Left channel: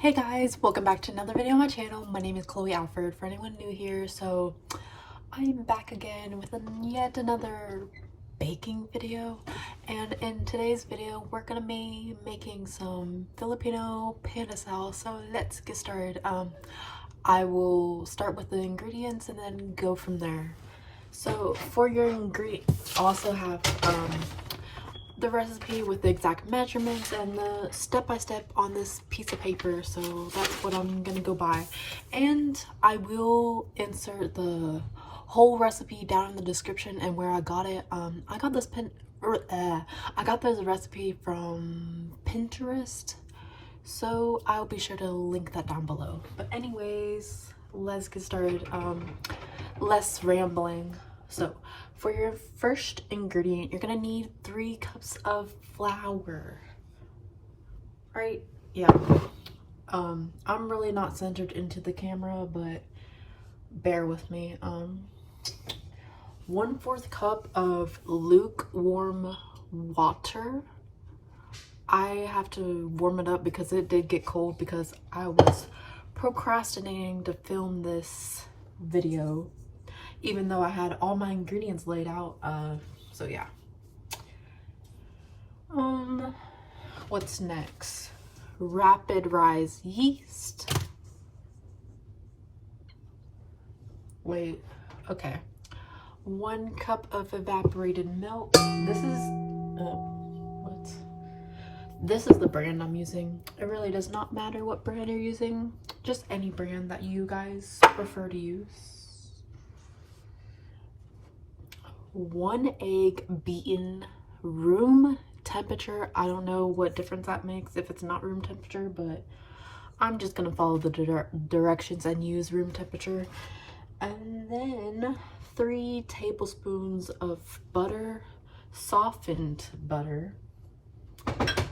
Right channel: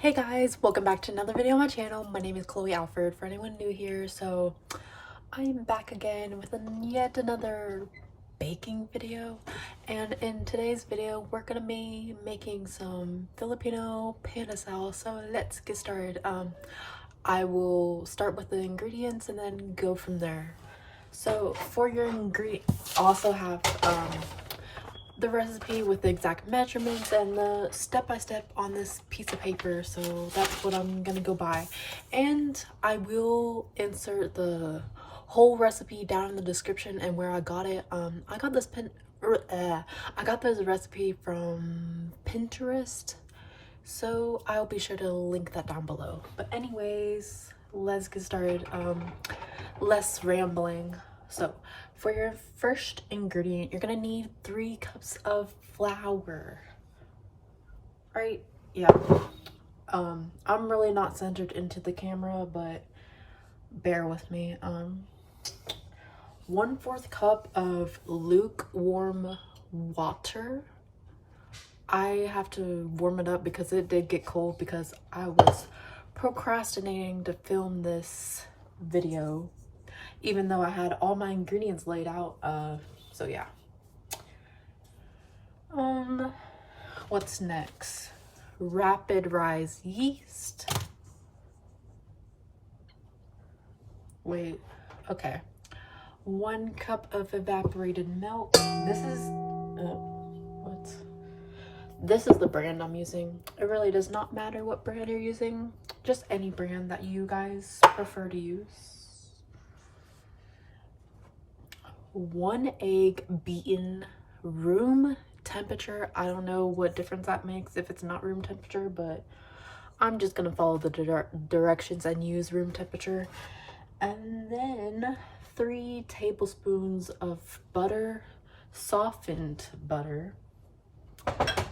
Hey guys, welcome back to another video on my channel. My name is Alford for anyone new here. So I'm back again with yet another baking video, and in today's video we're gonna be making some Filipino pandesal. So let's get started. I will start with the ingredients and then go from there. So for your ingredients, also have the recipe with the exact measurements and the step-by-step on this piece of paper, so that's what I'm gonna go by. And I will insert the whole recipe down in the description and where I got it. I got this recipe from Pinterest, so I'll be sure to link that down below. But anyways, let's get started. Less rambling. So for your first ingredient, you're gonna need 3 cups of flour. Right? Yeah. I'm really not centered into the camera, but bear with me. 1/4 cup of lukewarm water. I have to warm it up because it did get cold because I was procrastinating to film this video, even though I had all my ingredients laid out. So yeah. What's next? Rapid rise yeast. Wait, okay. 1 cup of evaporated milk. This is the brand I'm using. It really does not matter what brand you're using, just any brand that you guys prefer to use. 1 egg beaten room temperature. I don't know what difference that makes if it's not room temperature, but I'm just gonna follow the directions and use room temperature. And then 3 tablespoons of butter, softened butter,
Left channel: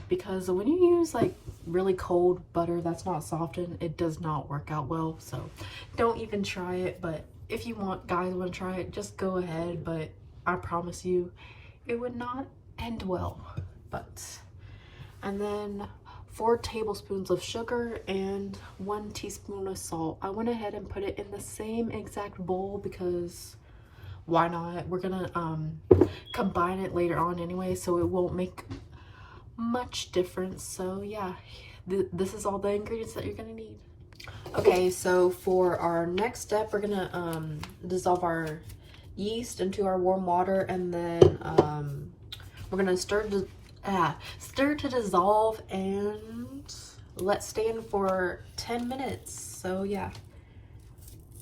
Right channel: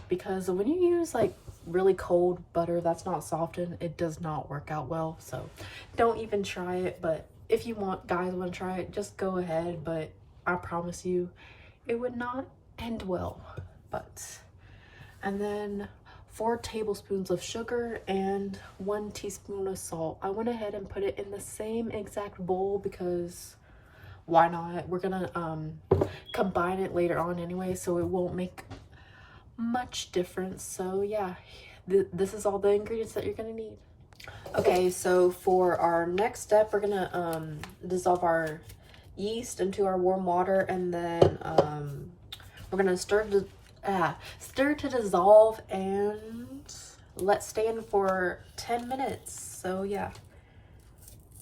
because when you use like really cold butter that's not softened, it does not work out well. So don't even try it. But if you want to try it, just go ahead, but I promise you it would not end well. And then 4 tablespoons of sugar and 1 teaspoon of salt. I went ahead and put it in the same exact bowl because why not? We're gonna combine it later on anyway, so it won't make much difference. So yeah, this is all the ingredients that you're gonna need. Okay, so for our next step, we're gonna dissolve our yeast into our warm water, and then we're gonna stir to dissolve and let stand for 10 minutes. So yeah,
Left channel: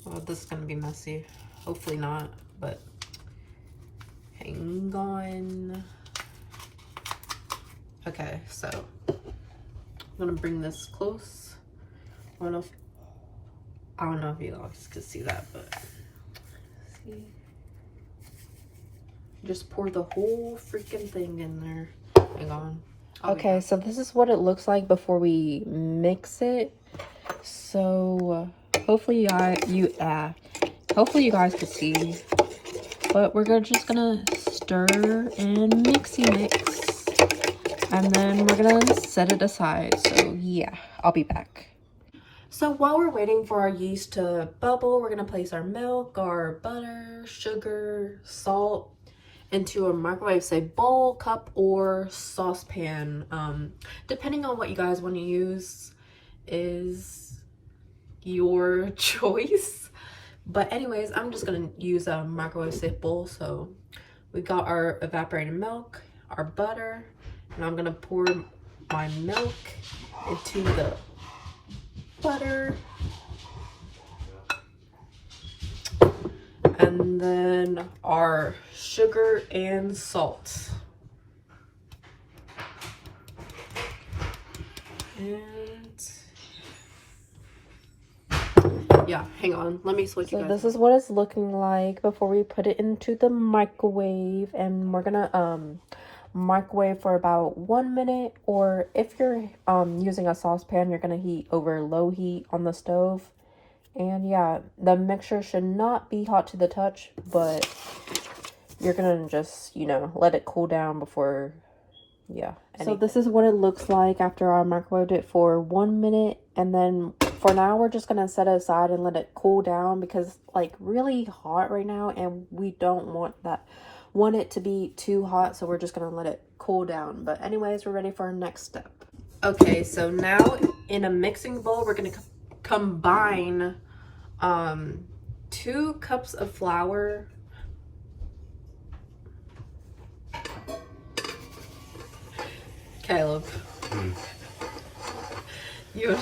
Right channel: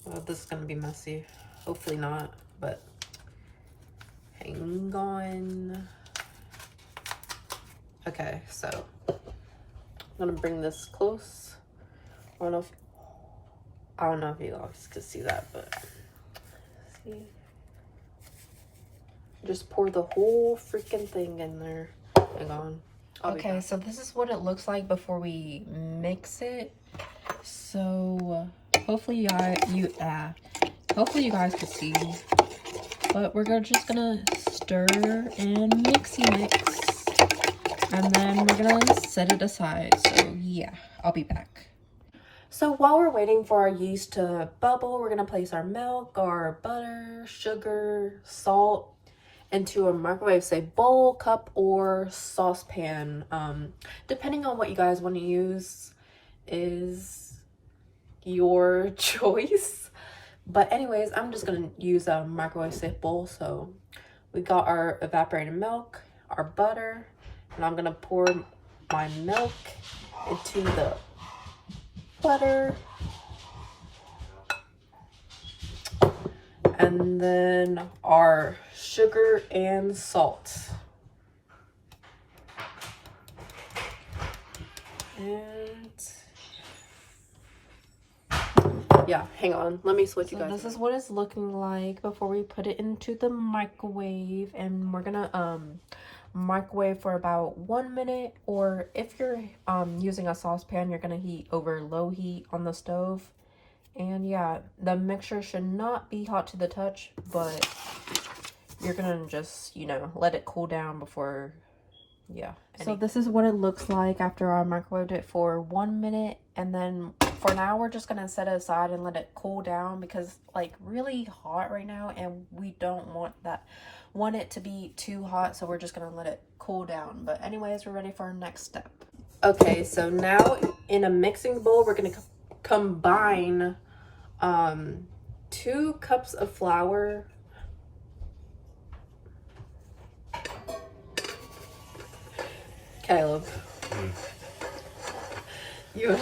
well, this is gonna be messy, hopefully not, but hang on. Okay, so I'm gonna bring this close. I don't know if you guys can see that, but see, just pour the whole freaking thing in there. Hang on. Okay, so this is what it looks like before we mix it. So hopefully you guys could see, but we're just gonna stir and mixy mix, and then we're gonna set it aside. So yeah, I'll be back. So while we're waiting for our yeast to bubble, we're gonna place our milk, our butter, sugar, salt into a microwave, say bowl, cup, or saucepan. Depending on what you guys want to use is your choice. But anyways, I'm just gonna use a microwave safe bowl. So we got our evaporated milk, our butter, and I'm gonna pour my milk into the butter, and then our sugar and salt. And yeah, hang on, let me switch you guys. So this is what it's looking like before we put it into the microwave, and we're gonna microwave for about 1 minute, or if you're using a saucepan, you're gonna heat over low heat on the stove. And yeah, the mixture should not be hot to the touch, but you're gonna just, you know, let it cool down before, yeah. So this is what it looks like after I microwaved it for 1 minute And then for now, we're just gonna set it aside and let it cool down because it's like really hot right now, and we don't want it to be too hot, so we're just gonna let it cool down. But anyways, we're ready for our next step. Okay, so now in a mixing bowl, we're gonna combine 2 cups of flour. Caleb. You.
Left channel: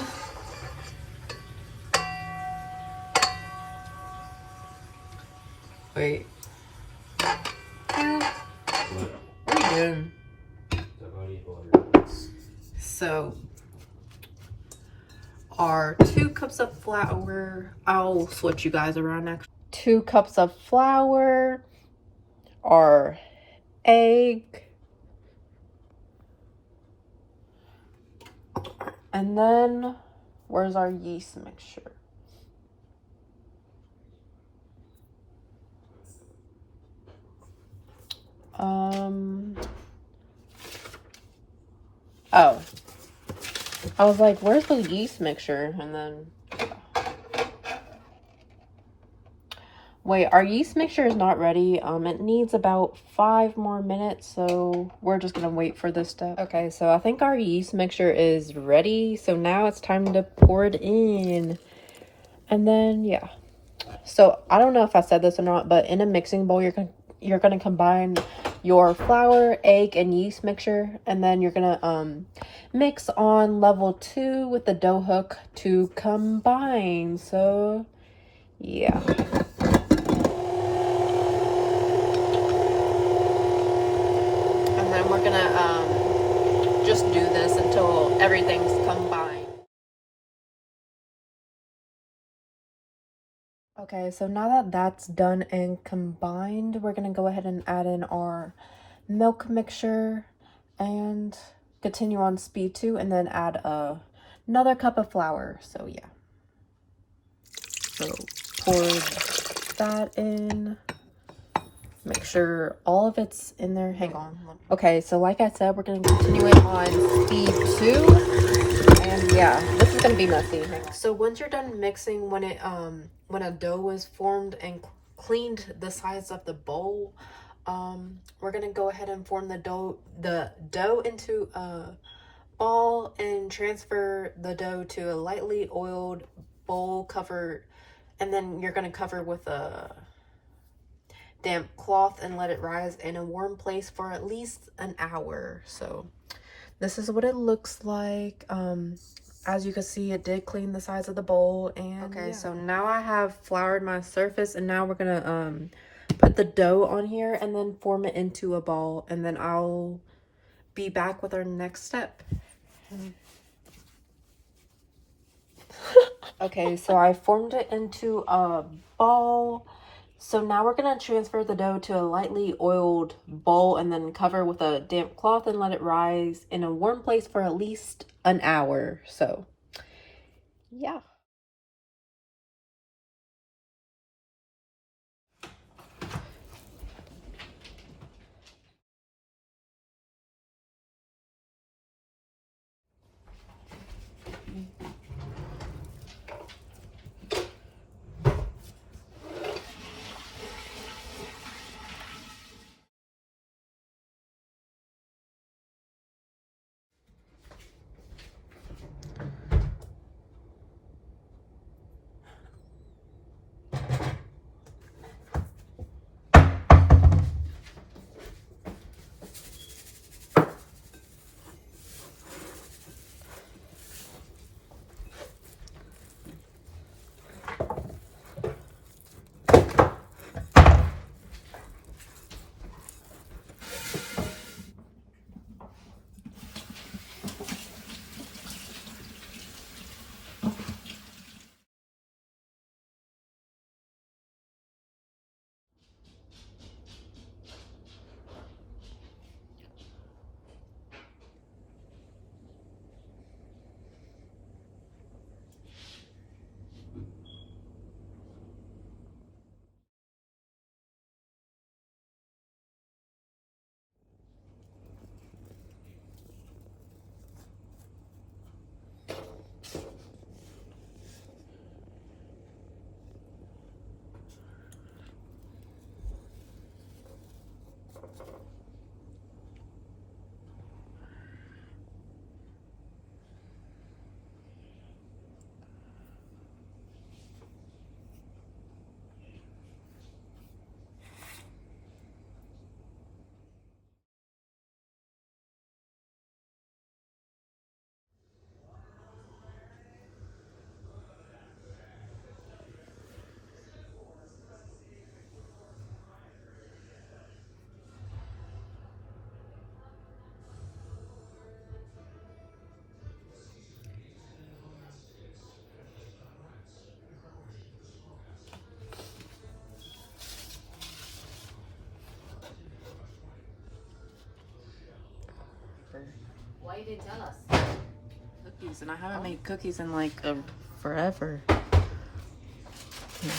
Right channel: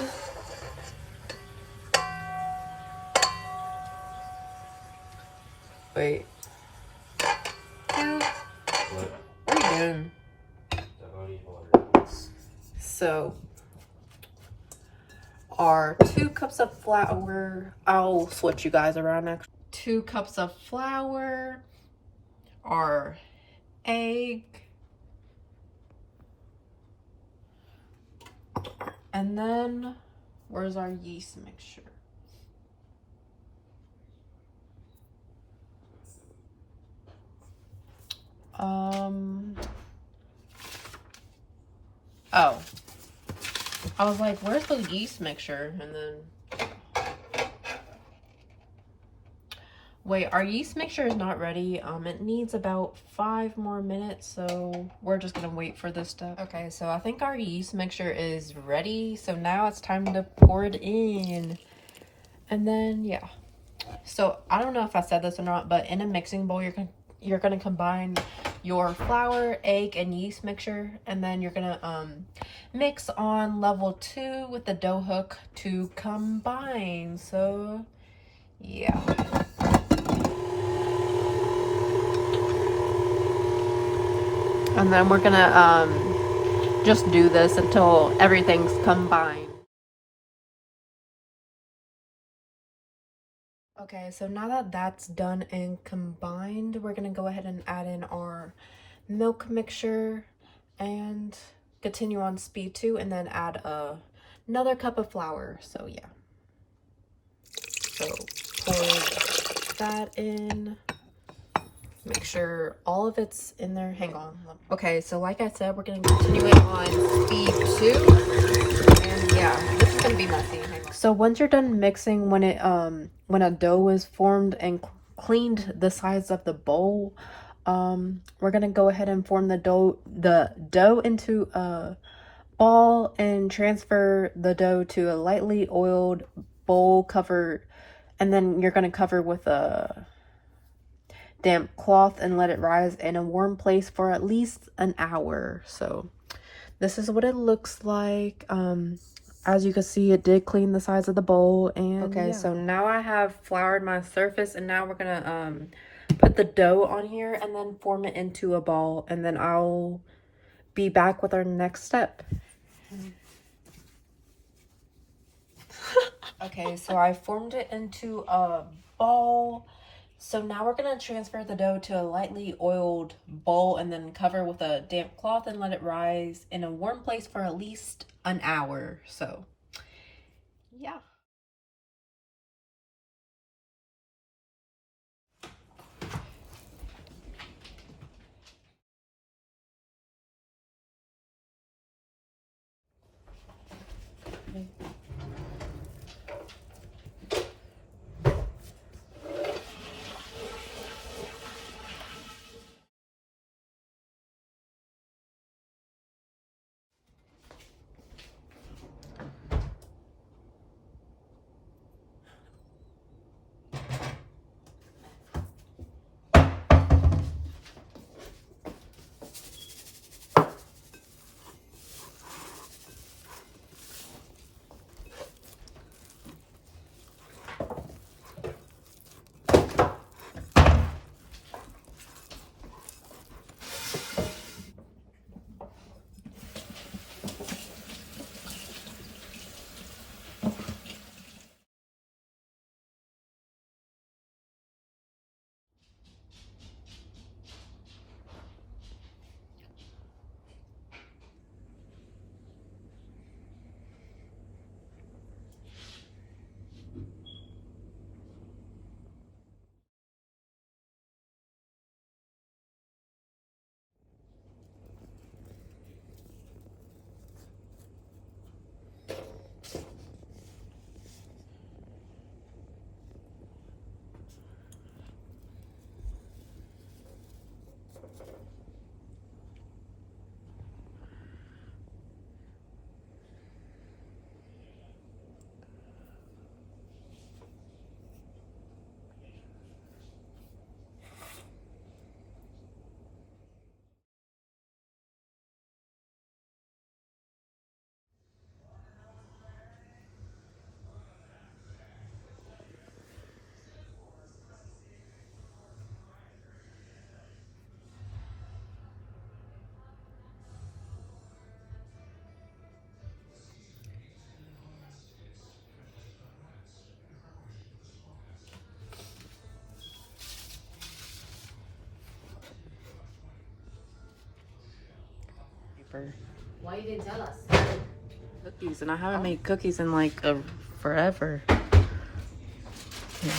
Wait. What are you doing? So, our 2 cups of flour, I'll switch you guys around next. 2 cups of flour, our egg, and then where's our yeast mixture? Oh, I was like, where's the yeast mixture? And then, wait, our yeast mixture is not ready. It needs about 5 more minutes, so we're just gonna wait for this step. Okay, so I think our yeast mixture is ready. So now it's time to pour it in. And then, yeah. So I don't know if I said this or not, but in a mixing bowl, you're gonna combine your flour, egg, and yeast mixture, and then you're gonna mix on level 2 with the dough hook to combine. So yeah. And then we're gonna just do this until everything's combined. Okay, so now that that's done and combined, we're gonna go ahead and add in our milk mixture and continue on speed 2, and then add another cup of flour. So yeah. So pour that in. Make sure all of it's in there. Hang on. Okay, so like I said, we're gonna continue it on speed 2. And yeah, this is gonna be messy. So once you're done mixing, when a dough is formed and cleaned the sides of the bowl, we're gonna go ahead and form the dough into a ball and transfer the dough to a lightly oiled bowl covered, and then you're gonna cover with a damp cloth and let it rise in a warm place for at least an hour. So this is what it looks like. As you can see, it did clean the sides of the bowl. And okay, yeah. So now I have floured my surface, and now we're gonna put the dough on here and then form it into a ball, and then I'll be back with our next step. Okay, so I formed it into a ball. So now we're gonna transfer the dough to a lightly oiled bowl and then cover with a damp cloth and let it rise in a warm place for at least an hour. So yeah. for Why you didn't tell us? cookies, and I haven't made cookies in like forever. Yeah.